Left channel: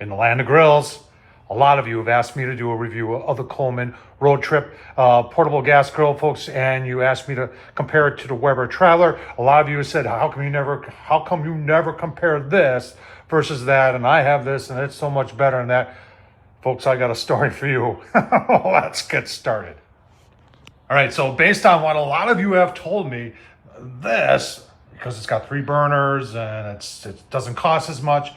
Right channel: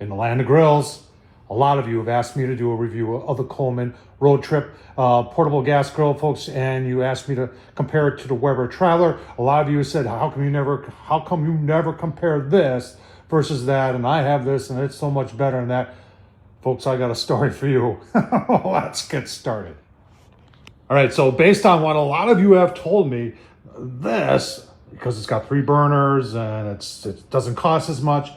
in the land of grills, a lot of you have asked me to do a review of the Coleman RoadTrip portable gas grill, folks, and you asked me to compare it to the Weber Traveler. A lot of you said, how come you never compare this versus that? And I have this and it's so much better than that. Folks, I got a story for you. Let's get started. All right, so based on what a lot of you have told me, this, because it's got 3 burners and it doesn't cost as much,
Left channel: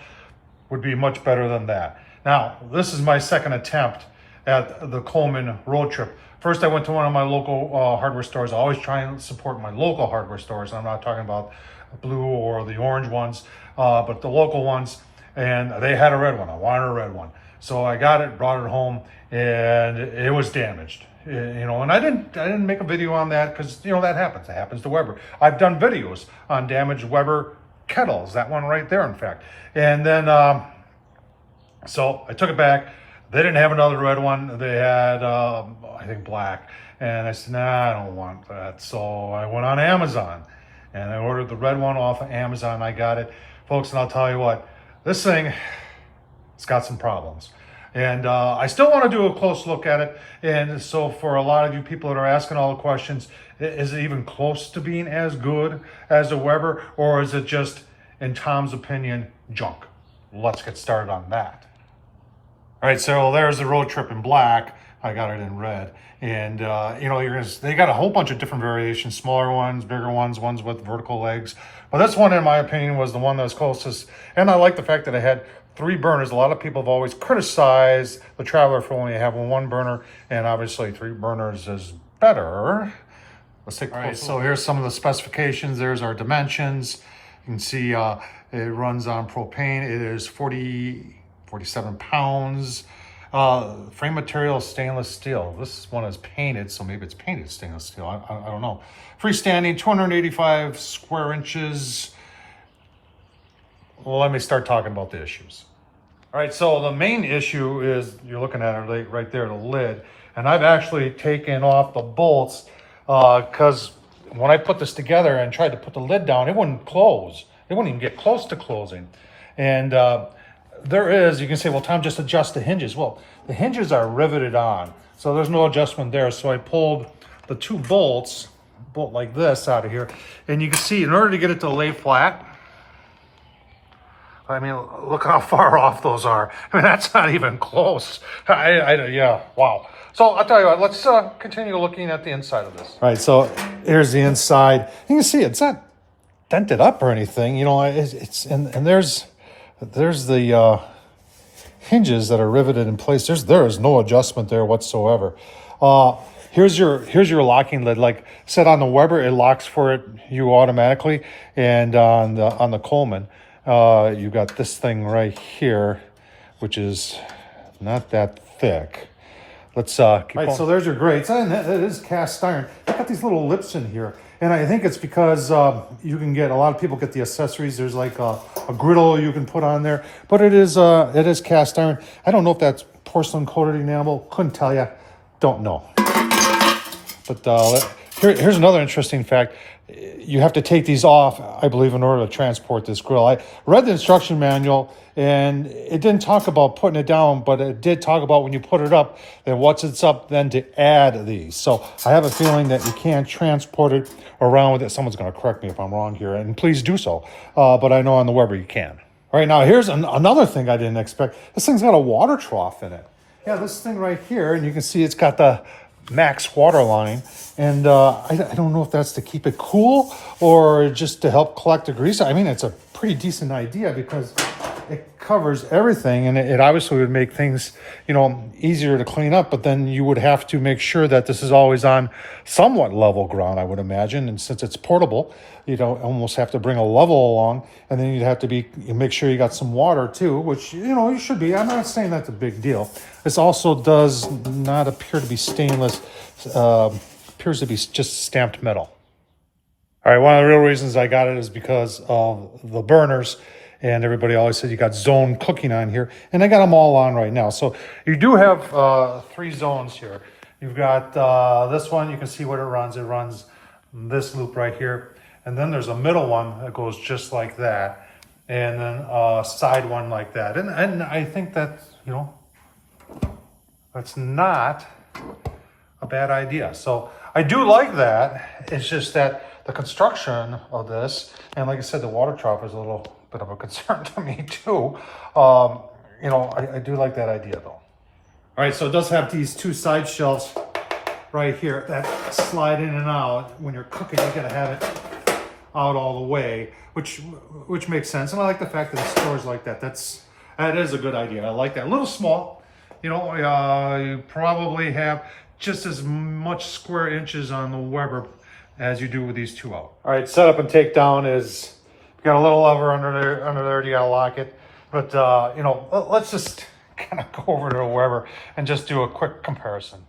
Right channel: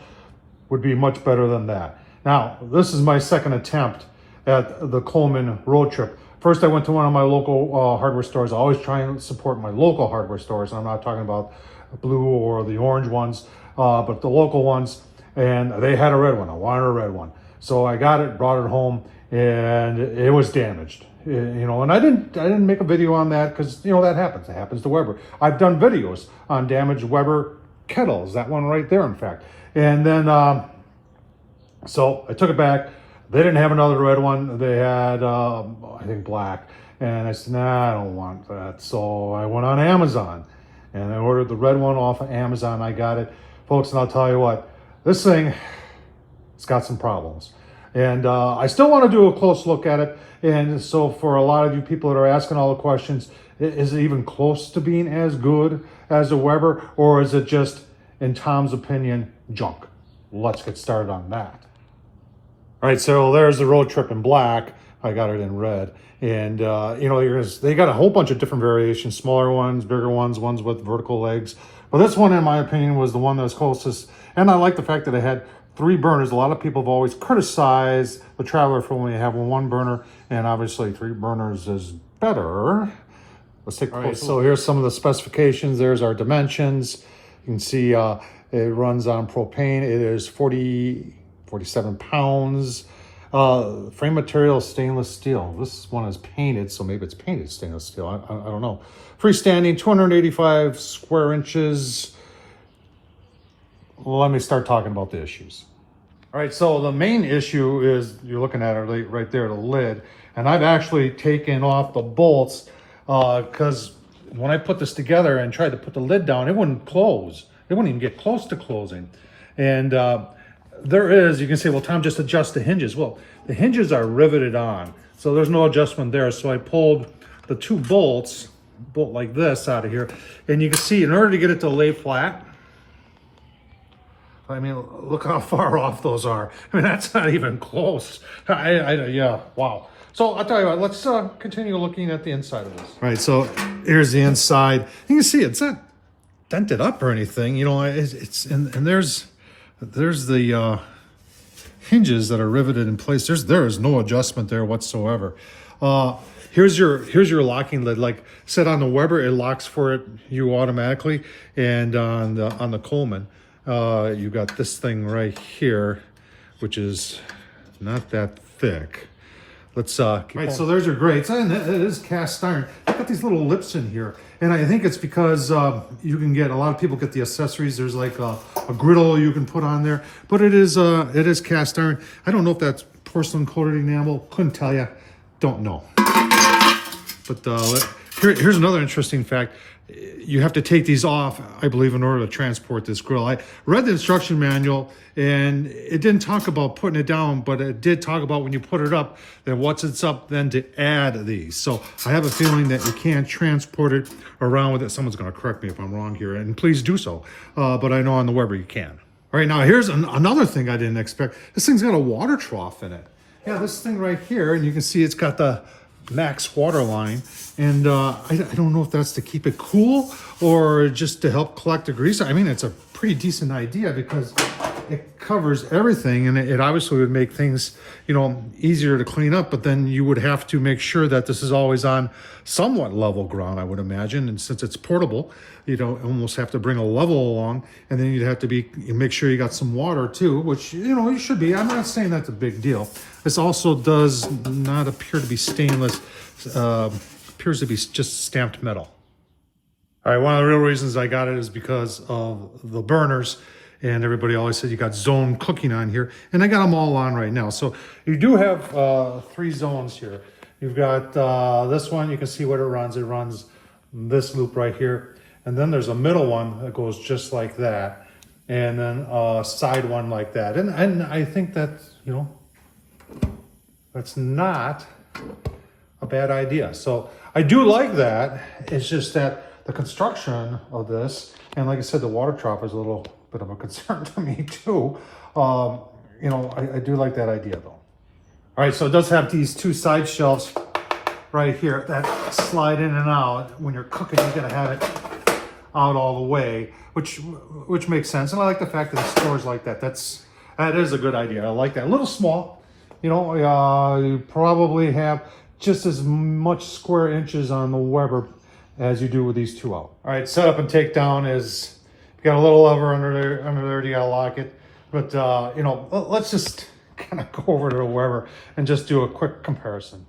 would be much better than that. Now, this is my second attempt at the Coleman RoadTrip. First, I went to one of my local hardware stores. I always try and support my local hardware stores. I'm not talking about blue or the orange ones, but the local ones. And they had a red one. I wanted a red one. So I got it, brought it home, and it was damaged. And I didn't make a video on that because, that happens. It happens to Weber. I've done videos on damaged Weber kettles. That one right there, in fact. And then, so I took it back. They didn't have another red one. They had, I think, black. And I said, nah, I don't want that. So I went on Amazon and I ordered the red one off of Amazon. I got it. Folks, and I'll tell you what, this thing, it's got some problems. And I still want to do a close look at it. And so for a lot of you people that are asking all the questions, is it even close to being as good as a Weber? Or is it just, in Tom's opinion, junk? Let's get started on that. All right, so there's the RoadTrip in black. I got it in red. And, they got a whole bunch of different variations, smaller ones, bigger ones, ones with vertical legs. But this one, in my opinion, was the one that was closest. And I like the fact that it had 3 burners. A lot of people have always criticized the Traveler for only having 1 burner. And obviously 3 burners is better. Let's take a closer look. So here's some of the specifications. There's our dimensions. You can see it runs on propane. It is 47 pounds. Frame material is stainless steel. This one is painted, so maybe it's painted stainless steel. I don't know. Freestanding, 285 square inches. Well, let me start talking about the issues. All right, so the main issue is, you're looking at it right there, the lid. And I've actually taken off the bolts because when I put this together and tried to put the lid down, it wouldn't close. It wouldn't even get close to closing. And there is, you can say, well, Tom, just adjust the hinges. Well, the hinges are riveted on, so there's no adjustment there. So I pulled the 2 bolts, bolt like this, out of here. And you can see, in order to get it to lay flat, I mean, look how far off those are. I mean, that's not even close. Yeah, wow. So I'll tell you what, let's continue looking at the inside of this. All right, so here's the inside. You can see it's not dented up or anything. It's and there's the hinges that are riveted in place. There is no adjustment there whatsoever. Here's your locking lid. Like set on the Weber, it locks for you automatically, and on the Coleman, you got this thing right here, which is not that thick. Let's keep going. All right, so there's your grates, and it is cast iron. I've got these little lips in here, and I think it's because you can get, a lot of people get the accessories. There's like a griddle you can put on there, but it is cast iron. I don't know if that's porcelain coated enamel. Couldn't tell you. Don't know. But here's another interesting fact. You have to take these off, I believe, in order to transport this grill. I read the instruction manual, and it didn't talk about putting it down, but it did talk about when you put it up, then once it's up, then to add these. So I have a feeling that you can't transport it around with it. Someone's going to correct me if I'm wrong here, and please do so. But I know on the Weber you can. All right, now here's another thing I didn't expect. This thing's got a water trough in it. Yeah, this thing right here, and you can see it's got the max water line, and I don't know if that's to keep it cool or just to help collect the grease. I mean, it's a pretty decent idea because it covers everything, and it obviously would make things, easier to clean up, but then you would have to make sure that this is always on somewhat level ground, I would imagine. And since it's portable, you'd almost have to bring a level along, and then you'd have to make sure you got some water too, which, you should be. I'm not saying that's a big deal. This also does not appear to be stainless, appears to be just stamped metal. All right, one of the real reasons I got it is because of the burners, and everybody always said you got zone cooking on here, and I got them all on right now. So you do have 3 zones here. You've got this one, you can see what it runs. It runs this loop right here, and then there's a middle one that goes just like that. and then a side one like that. And I think that's, you know, that's not a bad idea. So I do like that. It's just that the construction of this, and like I said, the water trough is a little bit of a concern to me too. You know, I do like that idea though. All right, so it does have these two side shelves right here that slide in and out. When you're cooking, you gotta have it out all the way, which makes sense. And I like the fact that it stores like that. That is a good idea. I like that. A little small, you know. You probably have just as much square inches on the Weber as you do with these two out. All right, setup and takedown is, you got a little lever under there. You gotta lock it. But you know, let's just kind of go over to the Weber and just do a quick comparison.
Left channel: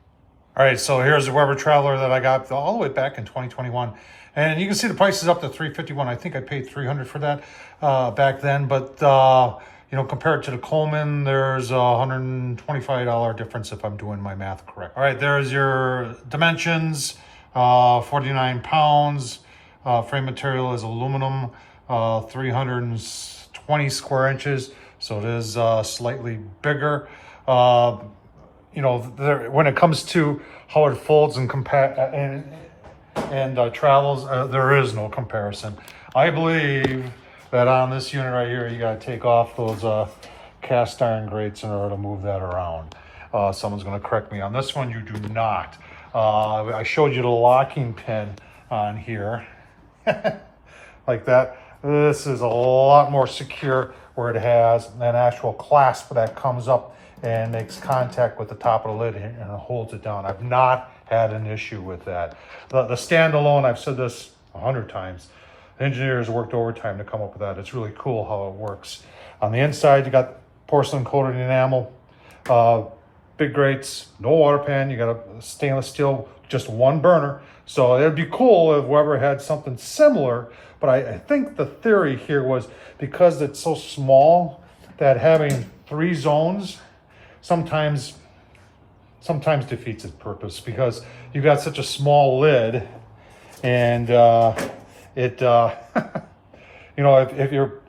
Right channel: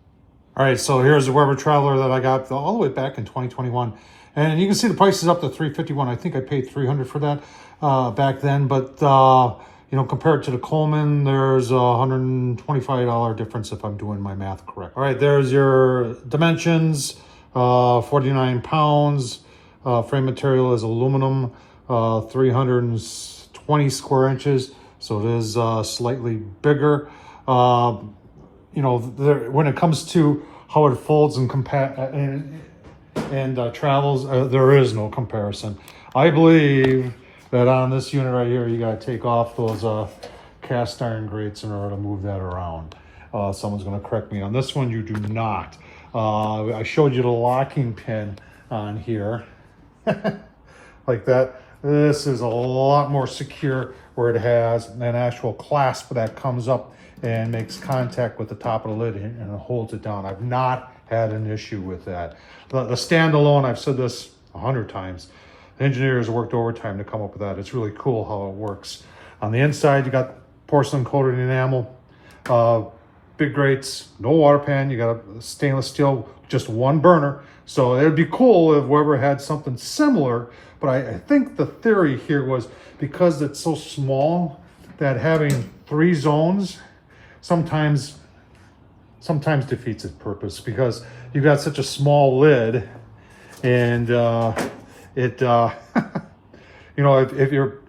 All right, so here's the Weber Traveler that I got all the way back in 2021. And you can see the price is up to $351. I think I paid $300 for that back then. But, you know, compared to the Coleman, there's a $125 difference if I'm doing my math correct. All right, there's your dimensions, 49 pounds. Frame material is aluminum, 320 square inches. So it is slightly bigger. You know, when it comes to how it folds and travels, there is no comparison. I believe that on this unit right here, you got to take off those cast iron grates in order to move that around. Someone's going to correct me on this one. You do not. I showed you the locking pin on here like that. This is a lot more secure, where it has an actual clasp that comes up and makes contact with the top of the lid and it holds it down. I've not had an issue with that. The standalone, I've said this 100 times, the engineers worked overtime to come up with that. It's really cool how it works. On the inside, you got porcelain coated enamel, big grates, no water pan. You got a stainless steel, just one burner. So it'd be cool if Weber had something similar, but I think the theory here was because it's so small that having 3 zones sometimes defeats its purpose, because you've got such a small lid, and you know, if you're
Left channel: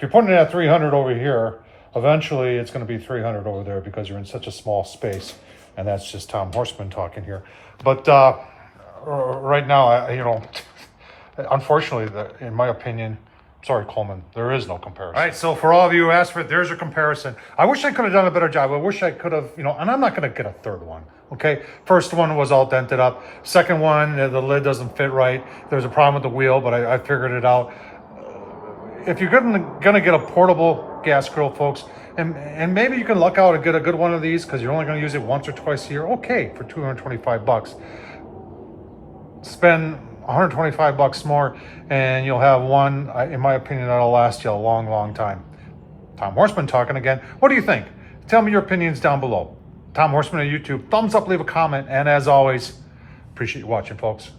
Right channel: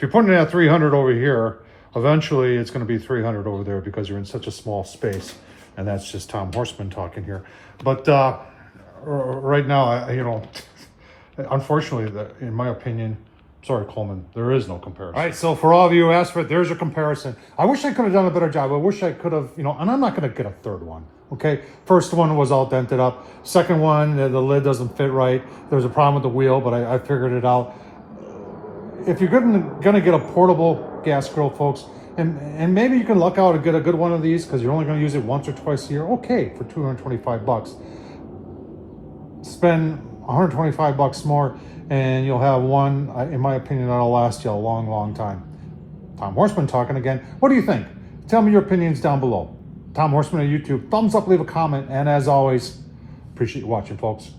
putting it at 300 over here, eventually it's going to be 300 over there because you're in such a small space. And that's just Tom Horsman talking here. But right now, you know, unfortunately, in my opinion, sorry, Coleman, there is no comparison. All right, so for all of you who asked for it, there's a comparison. I wish I could have done a better job. I wish I could have, you know, and I'm not going to get a third one, okay? First one was all dented up. Second one, the lid doesn't fit right. There's a problem with the wheel, but I figured it out. If you're gonna get a portable gas grill, folks, and maybe you can luck out and get a good one of these because you're only going to use it once or twice a year, okay, for $225. Spend $125 more and you'll have one, in my opinion, that'll last you a long, long time. Tom Horsman talking again. What do you think? Tell me your opinions down below. Tom Horsman on YouTube. Thumbs up, leave a comment, and as always, appreciate you watching, folks.